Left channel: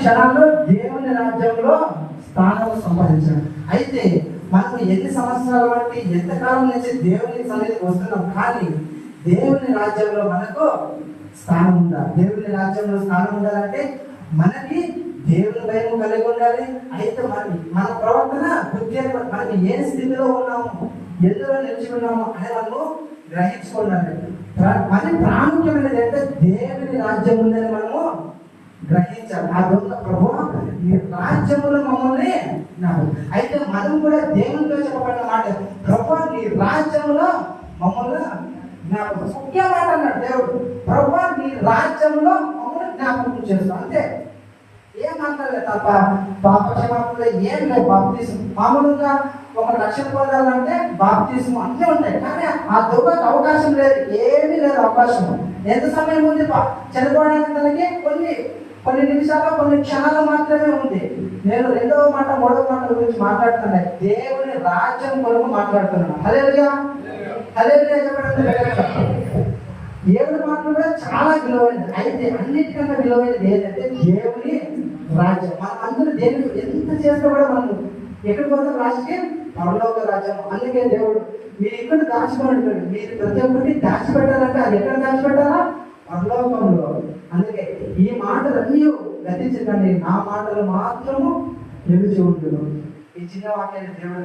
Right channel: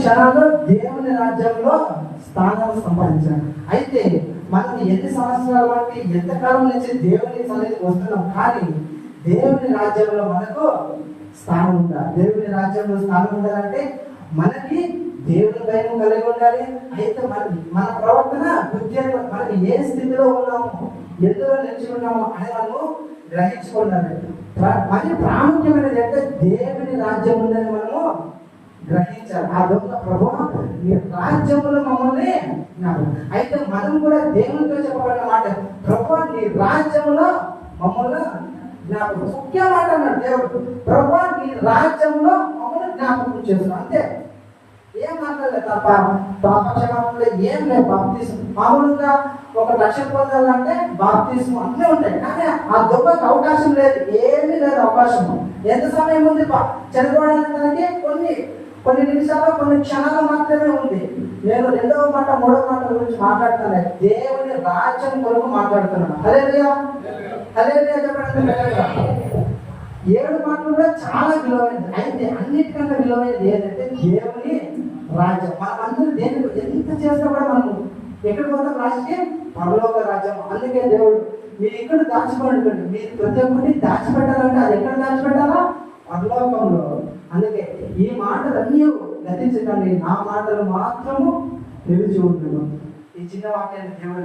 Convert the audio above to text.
క్షణాల్లో దేవుని రాజ్యంలో స్థానం సంపాదించాడు. అయితే మనకు ఎన్ని సంవత్సరాల బట్టి ఎంతకాలం నుంచి దేవుని సన్నిధికి వస్తున్నాం, కానీ దేవుని రాజ్యంలో మనకు స్థానం ఉందా? దేవుని రాజ్యంలో స్థానం ఉండాలంటే మనకి దేవుని భయం కలిగి ఉండాలి. అయితే మన ప్రవర్తన మనం ఏ స్థితిలో ఉన్నాము, ఎందులో నిలిచిన్నాము అని మనం గ్రహించుకోవాలి. మరి ప్రాముఖ్యమైనది అంటే దేవుని రాజ్యం ఉందని మనము గ్రహించాలి. ఆ దొంగ ప్రభువా నీ రాజ్యములు మమ్మల్ని నాకు. అయితే మనం కూడా దేవునిలో చెప్పబడిన మాట, ప్రభువా నీ రాజ్యంలో మమ్మల్ని నాకు. ముఖ్య మాట అన్నాడు దేవుడు, ప్రభువా నీ రాజ్యంలో మమ్మల్ని జ్ఞాపకం చేస్తాం. అంతే, ఏం మాట్లాడలేదు. తప్ప పాపక్షమాపణలో ఏం లేవు. బాప్తిసం మామూలుగా ఒక రక్షణ పొందాలంటే బాప్తిసం అన్నీ ఉంటాయి, కానీ ఆ దొంగకు అవకాశం లేదు, ఏమీ లేదు అవకాశం. ఎంత సమయం ఉంది చనిపోవడానికి? మనకి కొన్ని నిమిషాలు, కొన్ని క్షణాలు మాత్రమే ఉంది. నేను రెండవ మాట మూడవ మాట గురించి మాట్లాడుతున్నాను, దేవుని రాజ్యం కొరకు మాట్లాడుతున్నాను. హల్లెలూయా, హల్లెలూయా చెప్పండి. 7 మాటలు కూడా చాలా విలువైనది. అయితే అన్నిటికన్నా విలువైనది ఏంటంటే దేవుని రాజ్యం. మన అందరూ దేవుడు ఎంత చేసినా కూడా మనం ఎక్కడ పోతాం? లాస్ట్కి పరలోక రాజ్యం. అందుకే దేవుడు మీరు ఇక్కడ దాచిపెట్టాడు, మీరు ప్రతి ఒక్కటి దాచిపెట్టాలంటే అది ఎక్కడ దాచిపెట్టాలా? పరలోకంలో. అందుకే ఈ మాటలన్నీ గతించకండి, నా మాటలు మాత్రము నిలిచి ఉంటున్నాను. ఈ చిన్న వాక్యాన్ని దేవుడు